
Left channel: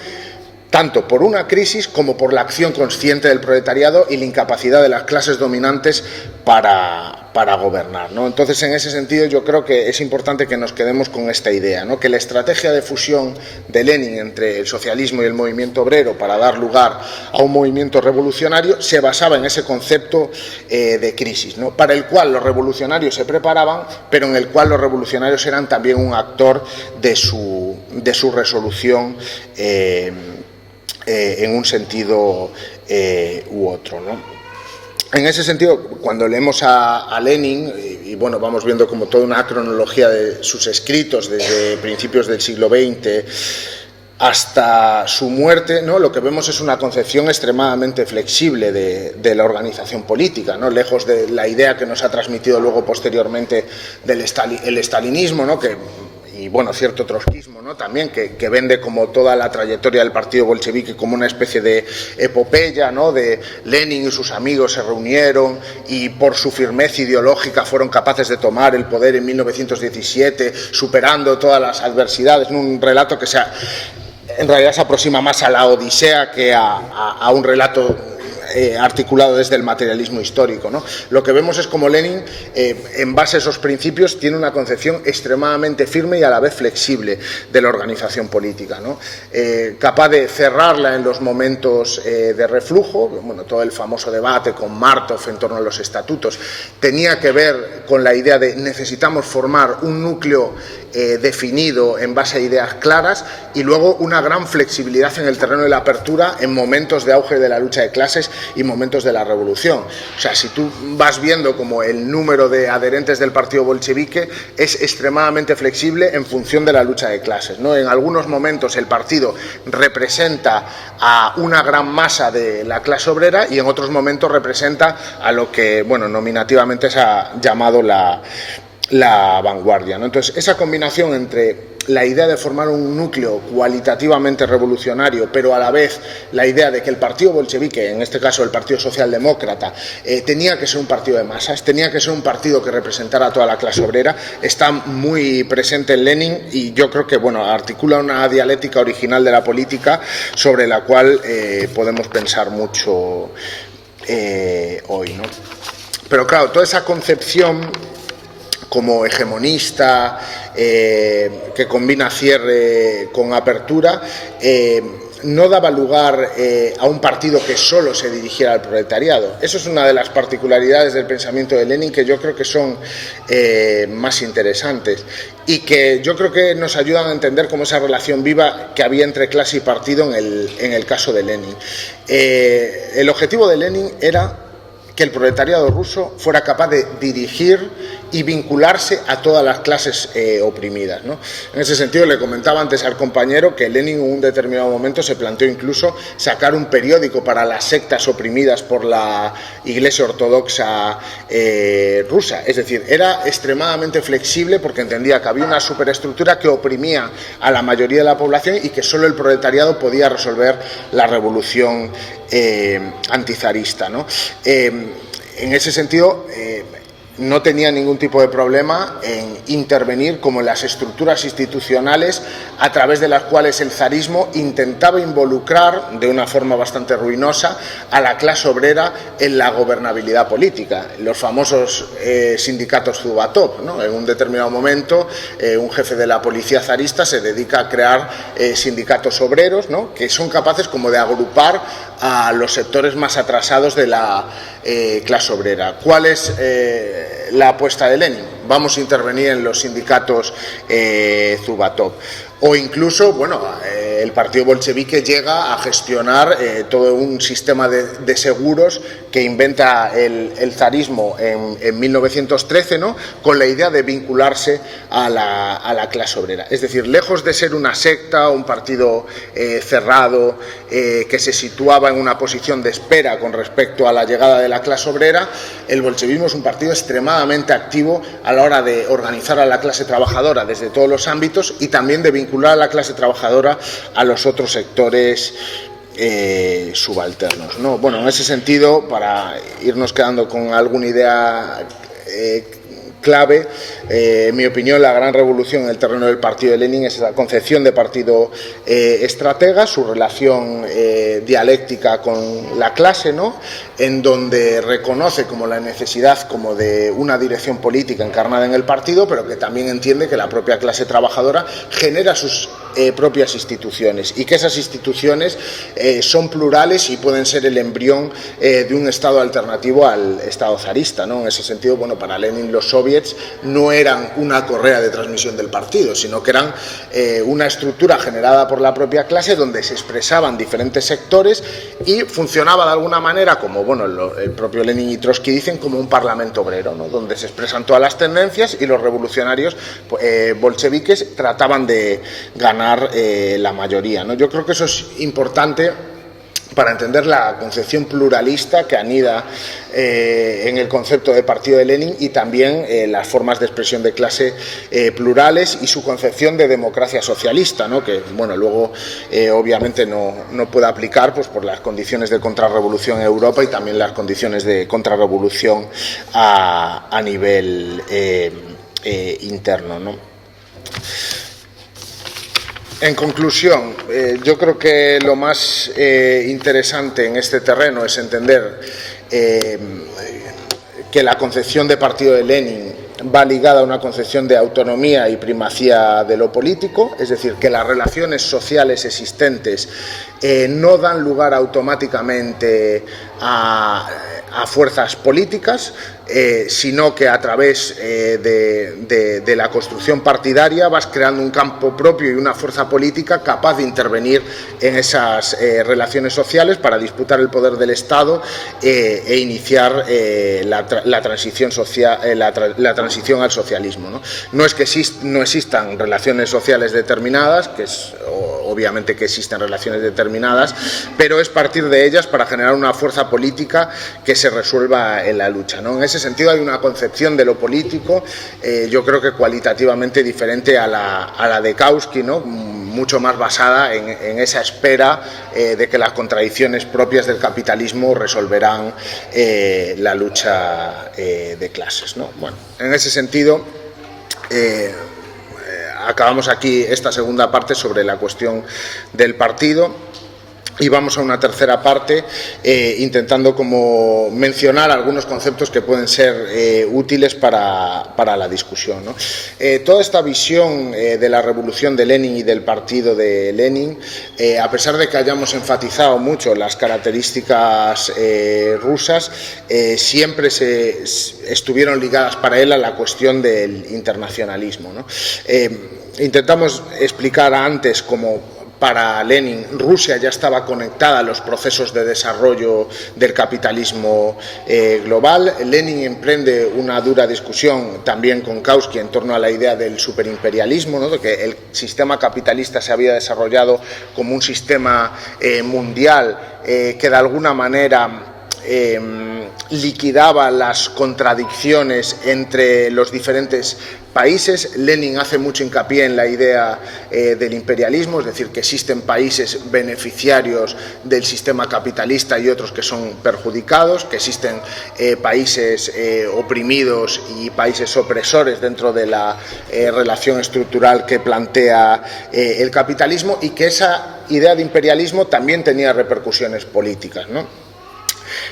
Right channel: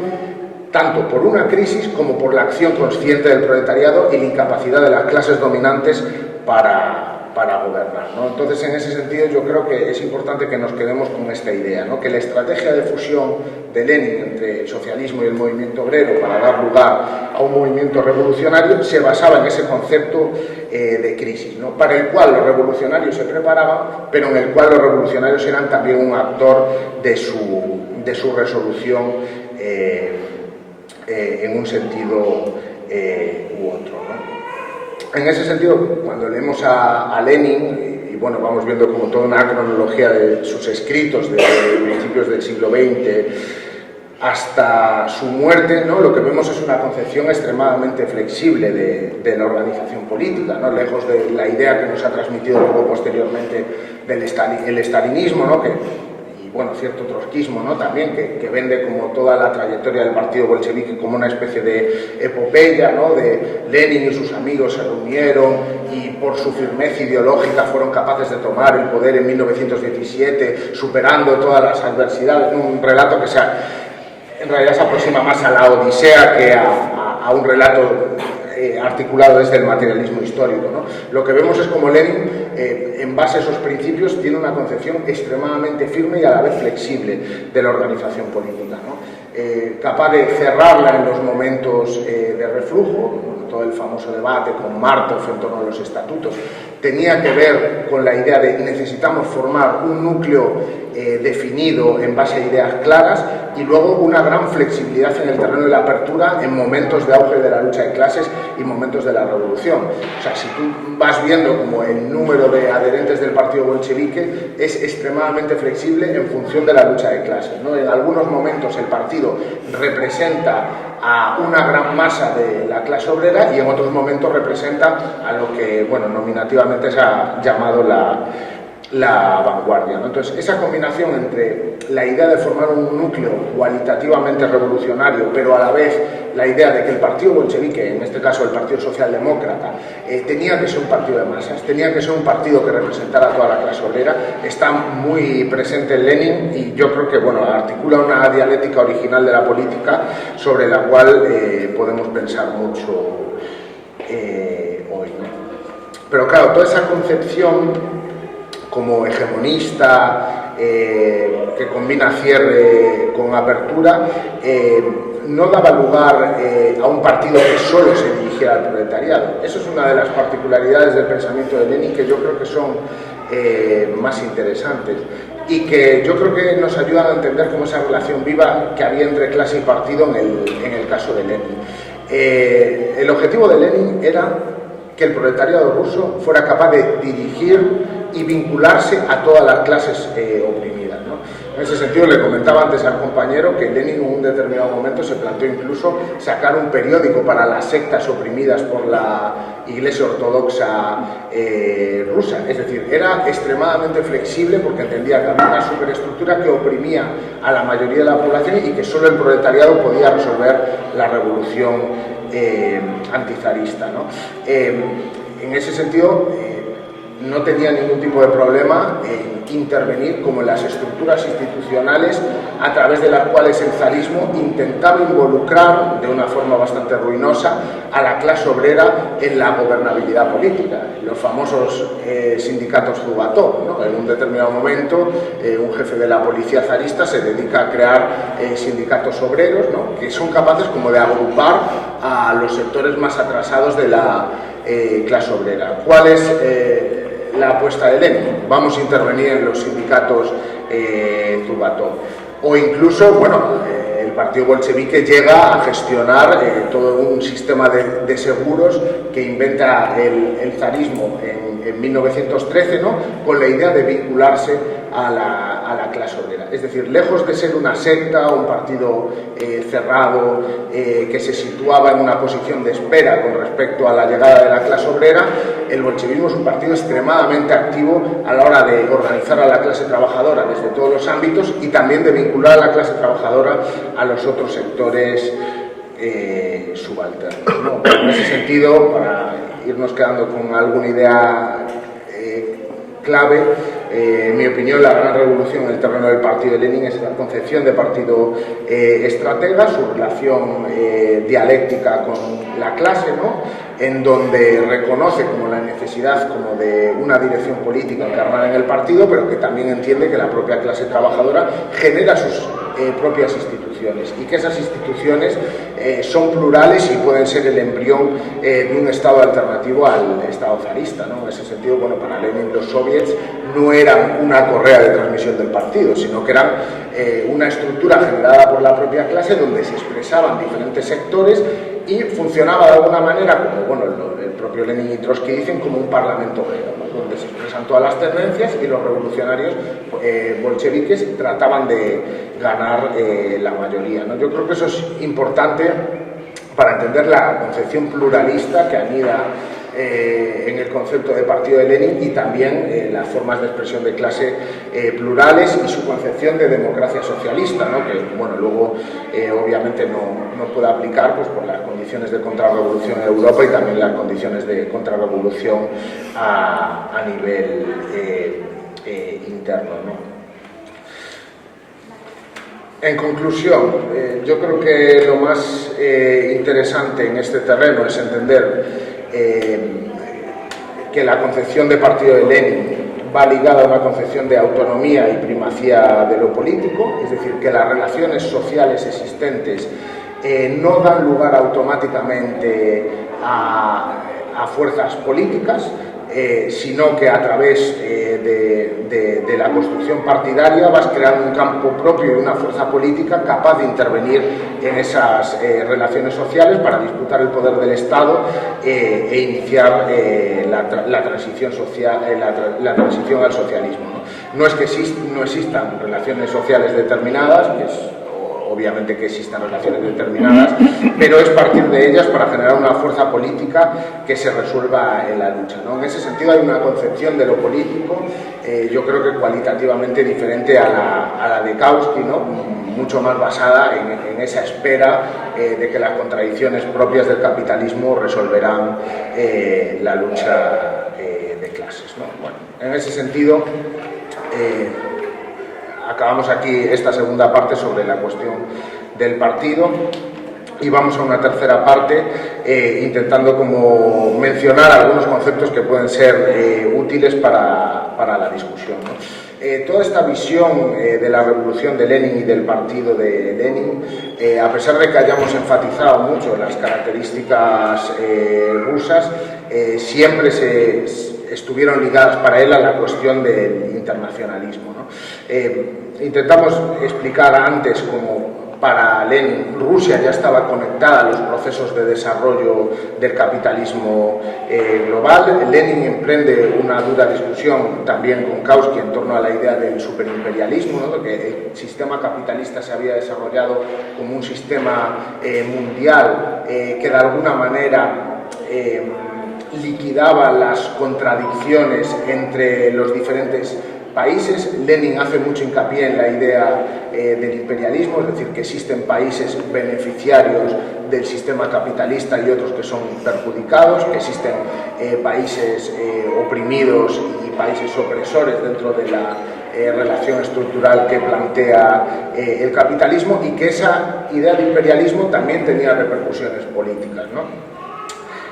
tanto por una crisis como por la acción consciente del proletariado y la incapacidad de las clases dominantes para gobernar, ¿no? Entonces, en ese sentido, yo creo que es importante que nos quedemos con esta idea, ¿no? Que la estrategia de fusión de Lenin entre el socialismo y el movimiento obrero para dar lugar a un movimiento revolucionario se basaba en ese concepto de crisis, ¿no? Para el cual los revolucionarios se preparaban, pero en el cual los revolucionarios eran también un actor de su resolución en un sentido u otro, ¿no? En ese sentido, cuando leemos a Lenin, y bueno, vamos viendo como toda una cronología de sus escritos desde principios del siglo XX hasta su muerte, ¿no? Lo que vemos es una concepción extremadamente flexible de la organización política, ¿no? Lejos de la idea que nos ha transmitido luego posteriormente el estalinismo, ¿no? Bueno, cierto trotskismo, ¿no? También, que vende como toda la trayectoria del partido bolchevique como una especie de epopeya, ¿no? De Lenin y sus amigos se reunieron y por su firmeza ideológica fueron capaces de tomar el poder en 1917, superando todas las adversidades, un relato que en realidad se aproxima más a la Odisea que a un relato articulado desde el materialismo histórico, ¿no? Lo que vemos es como Lenin, en base a esos principios, tiene una concepción extremadamente firme y a la vez flexible de la organización política, ¿no? Capaz de cerrarla en los momentos de reflujo. Bueno, todo el famoso debate con Markov en torno a los estatutos tenía que ver con la idea de necesitamos formar un núcleo definido en base a ideas claras y luego una gran flexibilidad en el terreno de la apertura en momentos de auge de la lucha de clases y momentos de la revolución. O sea, si tú vas viendo como el número de adherentes del partido bolchevique es extremadamente flexible en función de la lucha de clases, ¿no? En algunos momentos el partido representa a una gran masa de la clase obrera y en otros momentos representa a lo que, bueno, nominativamente se ha llamado la vanguardia, ¿no? Entonces, esa combinación entre la idea de formar un núcleo cualitativamente revolucionario, pero a la vez la idea de que el partido bolchevique, en este caso el Partido Socialdemócrata, tenía que ser un partido de masas, tenía que ser un partido que representara a toda la clase obrera, está muy presente en Lenin y yo creo que, bueno, articula una dialéctica original de la política sobre la cual podemos pensar mucho hoy, ¿no? Pero claro, toda esa concepción como hegemonista, que combina cierre con apertura, no daba lugar a un partido que solo se dirigiera al proletariado. Eso es una de las particularidades del pensamiento de Lenin que yo creo que son más interesantes y que yo creo que nos ayudan a entender cómo esa relación viva que había entre clase y partido en el caso de Lenin. El objetivo de Lenin era que el proletariado ruso fuera capaz de dirigir y vincularse a todas las clases oprimidas, ¿no? En ese sentido, le comentaba antes al compañero que Lenin en un determinado momento se planteó incluso sacar un periódico para las sectas oprimidas por la Iglesia Ortodoxa rusa. Es decir, era extremadamente flexible porque entendía que había una superestructura que oprimía a la mayoría de la población y que solo el proletariado podía resolver la revolución antizarista, ¿no? En ese sentido, no tenía ningún tipo de problema en intervenir como en las estructuras institucionales a través de las cuales el zarismo intentaba involucrar de una forma bastante ruinosa a la clase obrera en la gobernabilidad política. Los famosos sindicatos Zubatov, ¿no? En un determinado momento, un jefe de la policía zarista se dedica a crear sindicatos obreros, ¿no? Que son capaces como de agrupar a los sectores más atrasados de la clase obrera. ¿Cuál es la apuesta de Lenin? Vamos a intervenir en los sindicatos Zubatov. O incluso, bueno, el partido bolchevique llega a gestionar todo un sistema de seguros que inventa el zarismo en 1913, ¿no? Con la idea de vincularse a la clase obrera. Es decir, lejos de ser una secta, un partido cerrado que se situaba en una posición de espera con respecto a la llegada de la clase obrera, el bolchevismo es un partido extremadamente activo a la hora de organizar a la clase trabajadora desde todos los ámbitos y también de vincular a la clase trabajadora a los otros sectores subalternos, ¿no? Bueno, en ese sentido, para irnos quedando con alguna idea clave, en mi opinión, la gran revolución en el terreno del partido de Lenin es la concepción de partido estratega, su relación dialéctica con la clase, ¿no? En donde reconoce como la necesidad como de una dirección política encarnada en el partido, pero que también entiende que la propia clase trabajadora genera sus propias instituciones y que esas instituciones son plurales y pueden ser el embrión de un Estado alternativo al Estado zarista, ¿no? En ese sentido, bueno, para Lenin los soviets no eran una correa de transmisión del partido, sino que eran una estructura generada por la propia clase donde se expresaban diferentes sectores y funcionaba de alguna manera como, bueno, el propio Lenin y Trotsky dicen, como un parlamento obrero, ¿no? Donde se expresan todas las tendencias y los revolucionarios bolcheviques trataban de ganar la mayoría, ¿no? Yo creo que eso es importante para entender la concepción pluralista que anida en el concepto de partido de Lenin y también las formas de expresión de clase plurales y su concepción de democracia socialista, ¿no? Que, bueno, luego obviamente no puede aplicar pues, por las condiciones de contrarrevolución en Europa y también las condiciones de contrarrevolución a nivel interno, ¿no? En conclusión, yo creo que lo más interesante en este terreno es entender que la concepción de partido de Lenin va ligada a una concepción de autonomía y primacía de lo político, es decir, que las relaciones sociales existentes no dan lugar automáticamente a fuerzas políticas, sino que a través de la construcción partidaria vas creando un campo propio y una fuerza política capaz de intervenir en esas relaciones sociales para disputar el poder del Estado e iniciar la transición social, la transición al socialismo, ¿no? No es que no existan relaciones sociales determinadas, que es obviamente que existen relaciones determinadas, pero es partir de ellas para generar una fuerza política que se resuelva en la lucha, ¿no? En ese sentido hay una concepción de lo político, yo creo que cualitativamente diferente a la de Kautsky, ¿no? Mucho más basada en esa espera de que las contradicciones propias del capitalismo resolverán la lucha de clases, ¿no? Bueno, en ese sentido acabamos aquí esta segunda parte sobre la cuestión del partido y vamos a una tercera parte intentando como mencionar algunos conceptos que pueden ser útiles para la discusión, ¿no? Toda esta visión de la revolución de Lenin y del partido de Lenin, a pesar de que hayamos enfatizado mucho las características rusas, siempre estuvieron ligadas para él a la cuestión del internacionalismo, ¿no? Intentamos explicar antes como para Lenin, Rusia ya estaba conectada a los procesos de desarrollo del capitalismo global. Lenin emprende una dura discusión también con Kautsky en torno a la idea del superimperialismo, ¿no? Que el sistema capitalista se había desarrollado como un sistema mundial que de alguna manera liquidaba las contradicciones entre los diferentes países. Lenin hace mucho hincapié en la idea del imperialismo, es decir, que existen países beneficiarios del sistema capitalista y otros que son perjudicados, que existen países oprimidos y países opresores dentro de la relación estructural que plantea el capitalismo, y que esa idea de imperialismo también tenía repercusiones políticas, ¿no?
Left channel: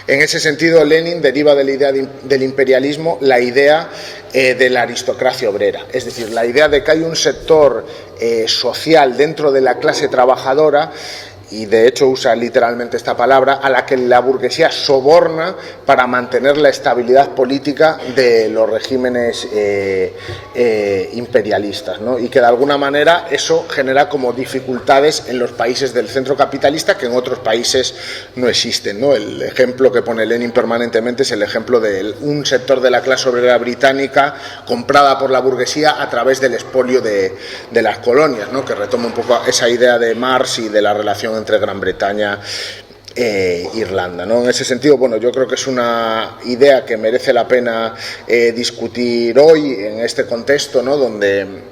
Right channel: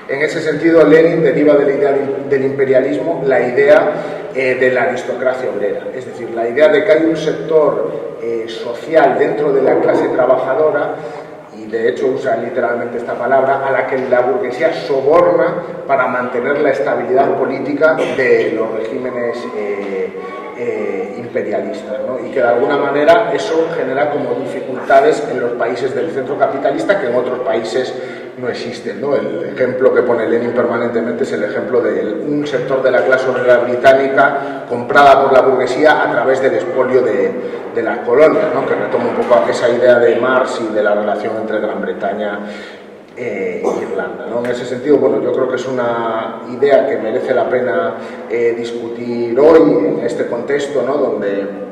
En ese sentido, Lenin deriva de la idea del imperialismo la idea de la aristocracia obrera, es decir, la idea de que hay un sector social dentro de la clase trabajadora, y de hecho usa literalmente esta palabra, a la que la burguesía soborna para mantener la estabilidad política de los regímenes imperialistas, ¿no? Y que de alguna manera eso genera como dificultades en los países del centro capitalista que en otros países no existen, ¿no? El ejemplo que pone Lenin permanentemente es el ejemplo de un sector de la clase obrera británica comprada por la burguesía a través del expolio de las colonias, ¿no? Que retoma un poco esa idea de Marx y de la relación entre Gran Bretaña e Irlanda, ¿no? En ese sentido, bueno, yo creo que es una idea que merece la pena discutir hoy en este contexto, ¿no? Donde,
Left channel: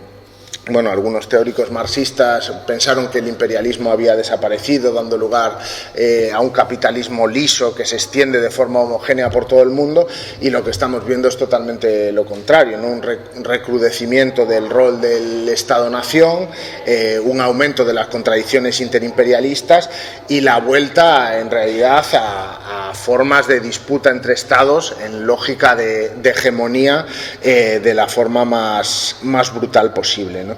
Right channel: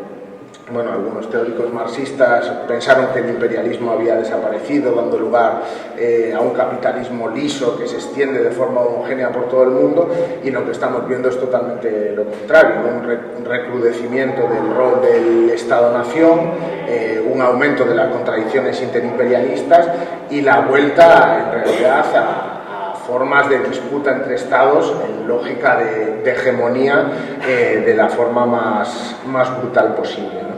bueno, algunos teóricos marxistas pensaron que el imperialismo había desaparecido, dando lugar a un capitalismo liso que se extiende de forma homogénea por todo el mundo, y lo que estamos viendo es totalmente lo contrario, ¿no? Un recrudecimiento del rol del Estado-nación, un aumento de las contradicciones interimperialistas y la vuelta, en realidad, a formas de disputa entre estados en lógica de hegemonía de la forma más brutal posible, ¿no?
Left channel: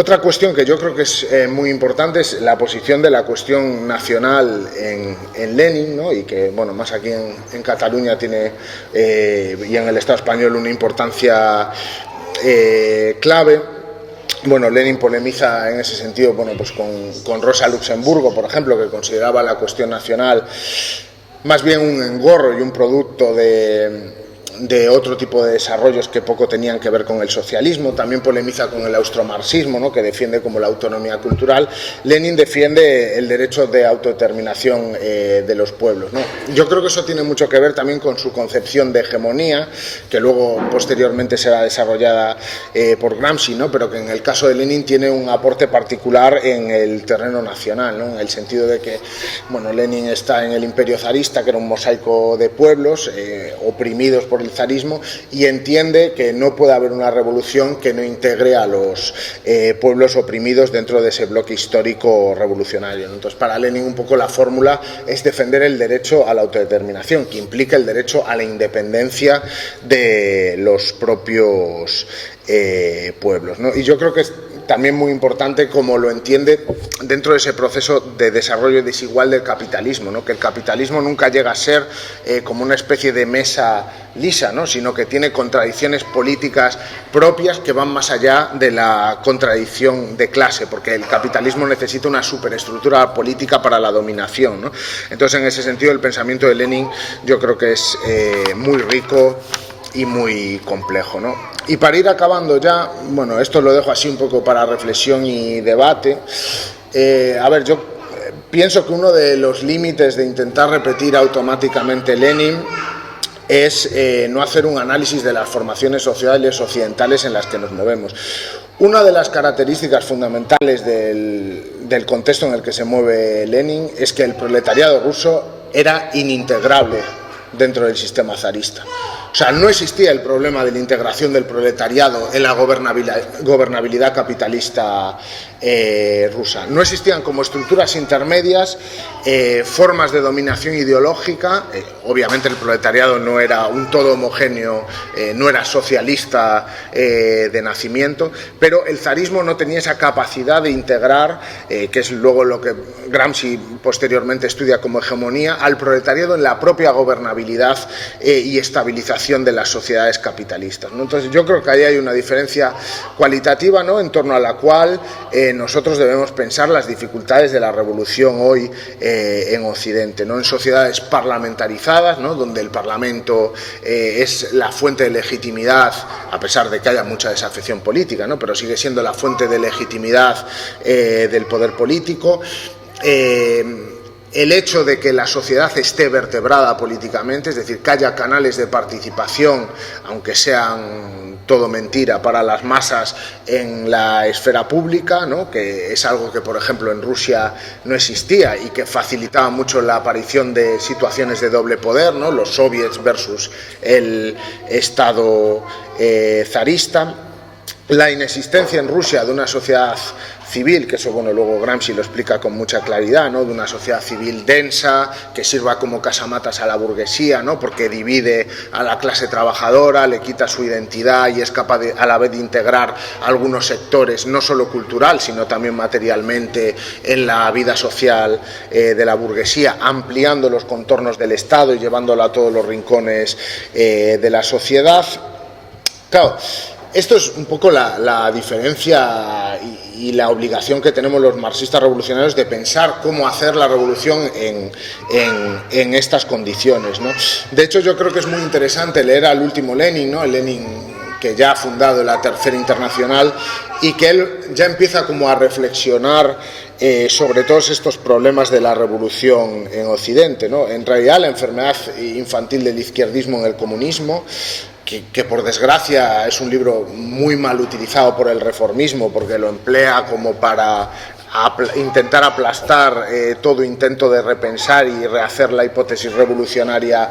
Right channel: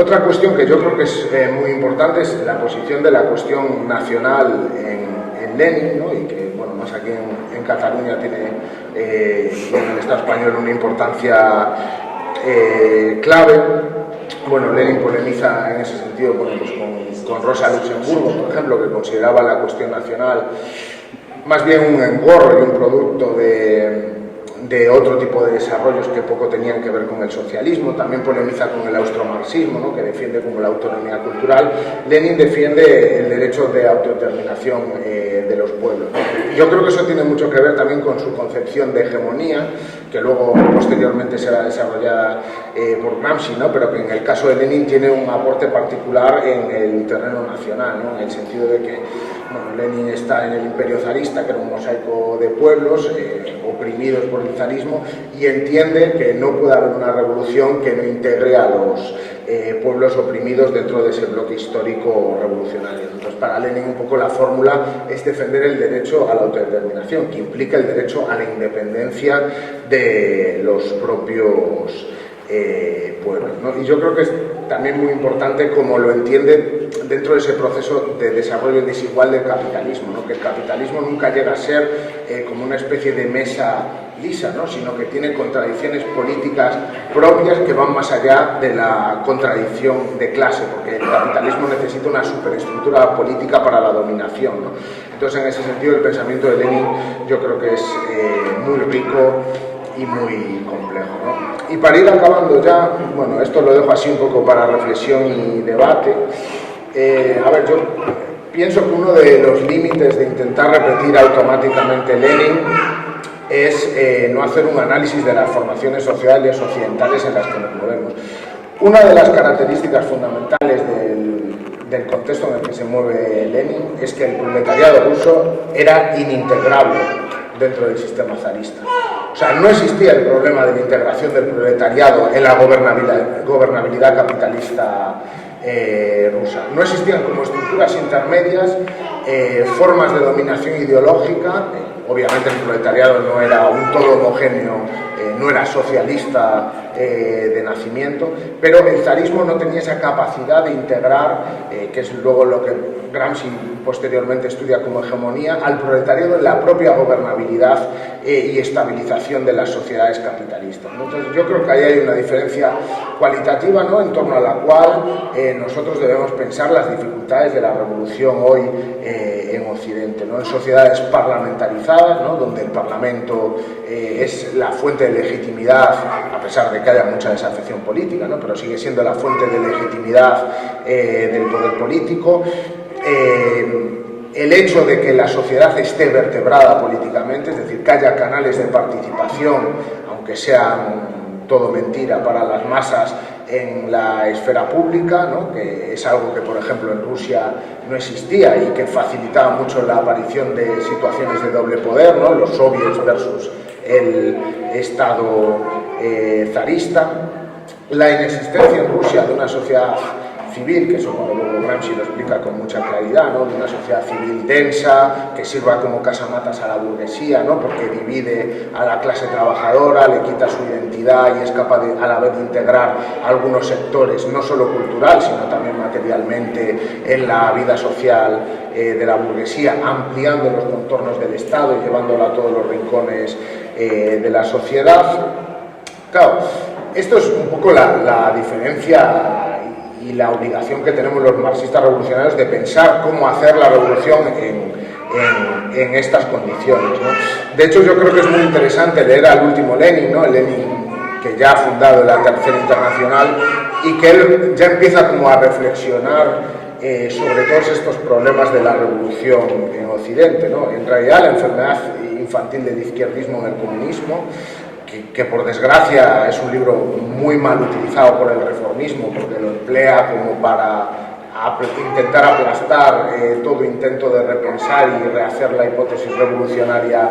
Otra cuestión que yo creo que es muy importante es la posición de la cuestión nacional en Lenin, ¿no? Y que, bueno, más aquí en Cataluña tiene y en el Estado español una importancia clave. Bueno, Lenin polemiza en ese sentido, bueno, pues con Rosa Luxemburgo, por ejemplo, que consideraba la cuestión nacional más bien un engorro y un producto de otro tipo de desarrollos que poco tenían que ver con el socialismo. También polemiza con el austromarxismo, ¿no? Que defiende como la autonomía cultural. Lenin defiende el derecho de autodeterminación de los pueblos, ¿no? Yo creo que eso tiene mucho que ver también con su concepción de hegemonía, que luego posteriormente será desarrollada por Gramsci, ¿no? Pero que en el caso de Lenin tiene un aporte particular en el terreno nacional, ¿no? En el sentido de que, bueno, Lenin está en el imperio zarista, que era un mosaico de pueblos oprimidos por el zarismo, y entiende que no puede haber una revolución que no integre a los pueblos oprimidos dentro de ese bloque histórico revolucionario. Entonces, para Lenin un poco la fórmula es defender el derecho a la autodeterminación, que implica el derecho a la independencia de los propios pueblos, ¿no? Y yo creo que es también muy importante cómo lo entiende dentro de ese proceso de desarrollo desigual del capitalismo, ¿no? Que el capitalismo nunca llega a ser como una especie de mesa lisa, ¿no? Sino que tiene contradicciones políticas propias que van más allá de la contradicción de clase, porque el capitalismo necesita una superestructura política para la dominación, ¿no? Entonces, en ese sentido, el pensamiento de Lenin yo creo que es muy rico y muy complejo, ¿no? Y para ir acabando ya, bueno, esto lo dejo así un poco para reflexión y debate. A ver, yo pienso que uno de los límites de intentar repetir automáticamente Lenin es no hacer un análisis de las formaciones sociales occidentales en las que nos movemos. Una de las características fundamentales del contexto en el que se mueve Lenin es que el proletariado ruso era inintegrable dentro del sistema zarista. O sea, no existía el problema de la integración del proletariado en la gobernabilidad capitalista rusa. No existían como estructuras intermedias formas de dominación ideológica obviamente el proletariado no era un todo homogéneo, no era socialista de nacimiento, pero el zarismo no tenía esa capacidad de integrar, que es luego lo que Gramsci posteriormente estudia como hegemonía, al proletariado en la propia gobernabilidad y estabilización de las sociedades capitalistas, ¿no? Entonces yo creo que ahí hay una diferencia cualitativa, ¿no?, en torno a la cual nosotros debemos pensar las dificultades de la revolución hoy en Occidente, ¿no?, en sociedades parlamentarizadas, ¿no?, donde el Parlamento es la fuente de legitimidad, a pesar de que haya mucha desafección política, ¿no?, pero sigue siendo la fuente de legitimidad del poder político. El hecho de que la sociedad esté vertebrada políticamente, es decir, que haya canales de participación, aunque sean todo mentira para las masas, en la esfera pública, ¿no?, que es algo que, por ejemplo, en Rusia no existía y que facilitaba mucho la aparición de situaciones de doble poder, ¿no?, los soviets versus el Estado zarista. La inexistencia en Rusia de una sociedad civil, que eso, bueno, luego Gramsci lo explica con mucha claridad, ¿no?, de una sociedad civil densa, que sirva como casamatas a la burguesía, ¿no?, porque divide a la clase trabajadora, le quita su identidad y es capaz de, a la vez, de integrar algunos sectores, no solo cultural, sino también materialmente, en la vida social de la burguesía, ampliando los contornos del Estado y llevándolo a todos los rincones de la sociedad. Claro, esto es un poco la diferencia y la obligación que tenemos los marxistas revolucionarios de pensar cómo hacer la revolución en estas condiciones, ¿no? De hecho, yo creo que es muy interesante leer al último Lenin, ¿no?, el Lenin que ya ha fundado la Tercera Internacional, y que él ya empieza como a reflexionar sobre todos estos problemas de la revolución en Occidente, ¿no? En realidad, la enfermedad infantil del izquierdismo en el comunismo, que por desgracia es un libro muy mal utilizado por el reformismo, porque lo emplea como para intentar aplastar todo intento de repensar y rehacer la hipótesis revolucionaria,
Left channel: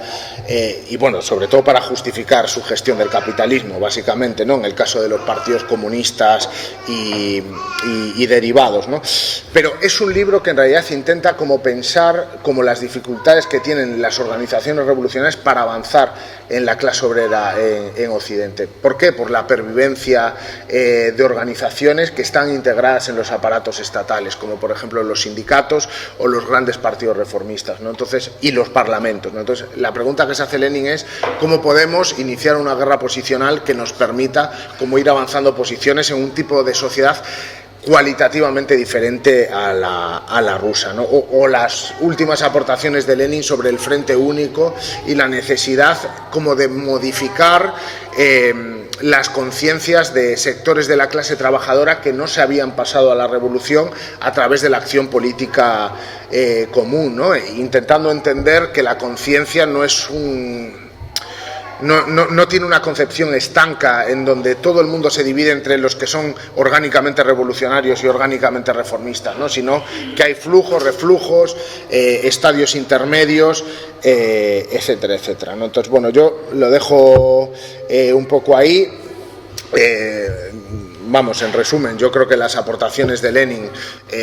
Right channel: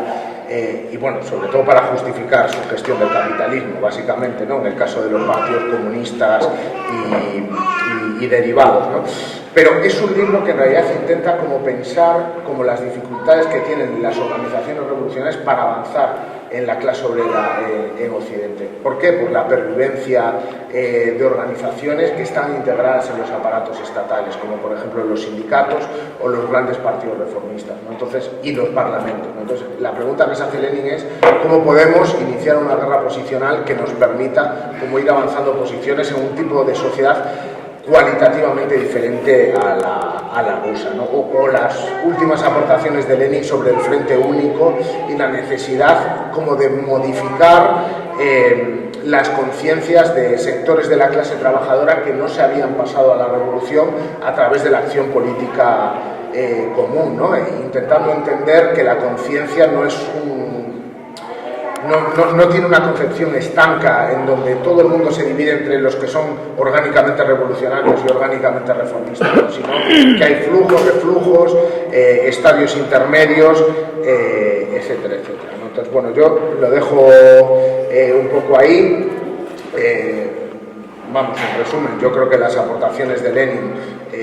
y bueno, sobre todo para justificar su gestión del capitalismo, básicamente, ¿no?, en el caso de los partidos comunistas y derivados, ¿no? Pero es un libro que en realidad intenta como pensar como las dificultades que tienen las organizaciones revolucionarias para avanzar en la clase obrera en Occidente. ¿Por qué? Por la pervivencia de organizaciones que están integradas en los aparatos estatales, como por ejemplo los sindicatos o los grandes partidos reformistas, ¿no? Entonces, y los parlamentos, ¿no? Entonces, la pregunta que se hace Lenin es cómo podemos iniciar una guerra posicional que nos permita como ir avanzando posiciones en un tipo de sociedad cualitativamente diferente a la rusa, ¿no? O las últimas aportaciones de Lenin sobre el frente único y la necesidad como de modificar las conciencias de sectores de la clase trabajadora que no se habían pasado a la revolución a través de la acción política común, ¿no? Intentando entender que la conciencia no es no tiene una concepción estanca en donde todo el mundo se divide entre los que son orgánicamente revolucionarios y orgánicamente reformistas, ¿no?, sino que hay flujos, reflujos, estadios intermedios, etcétera, etcétera, ¿no? Entonces, bueno, yo lo dejo un poco ahí. Vamos, en resumen, yo creo que las aportaciones de Lenin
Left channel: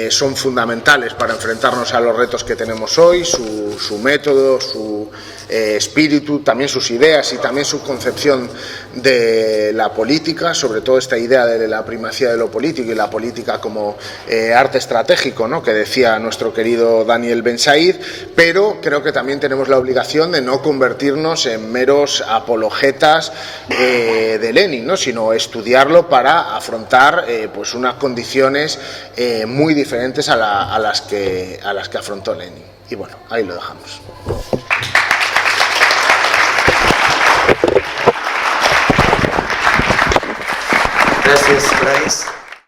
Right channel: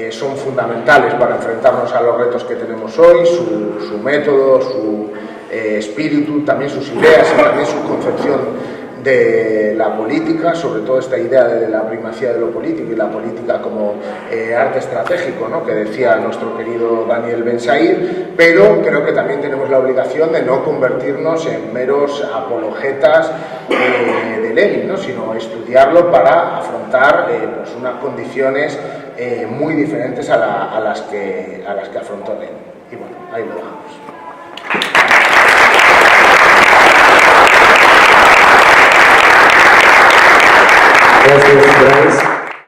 son fundamentales para enfrentarnos a los retos que tenemos hoy, su método, su espíritu, también sus ideas y también su concepción de la política, sobre todo esta idea de la primacía de lo político y la política como arte estratégico, ¿no?, que decía nuestro querido Daniel Ben Said, pero creo que también tenemos la obligación de no convertirnos en meros apologetas de Lenin, ¿no?, sino estudiarlo para afrontar pues unas condiciones muy diferentes a las que afrontó Lenin. Y bueno, ahí lo dejamos. Gracias, Bryce.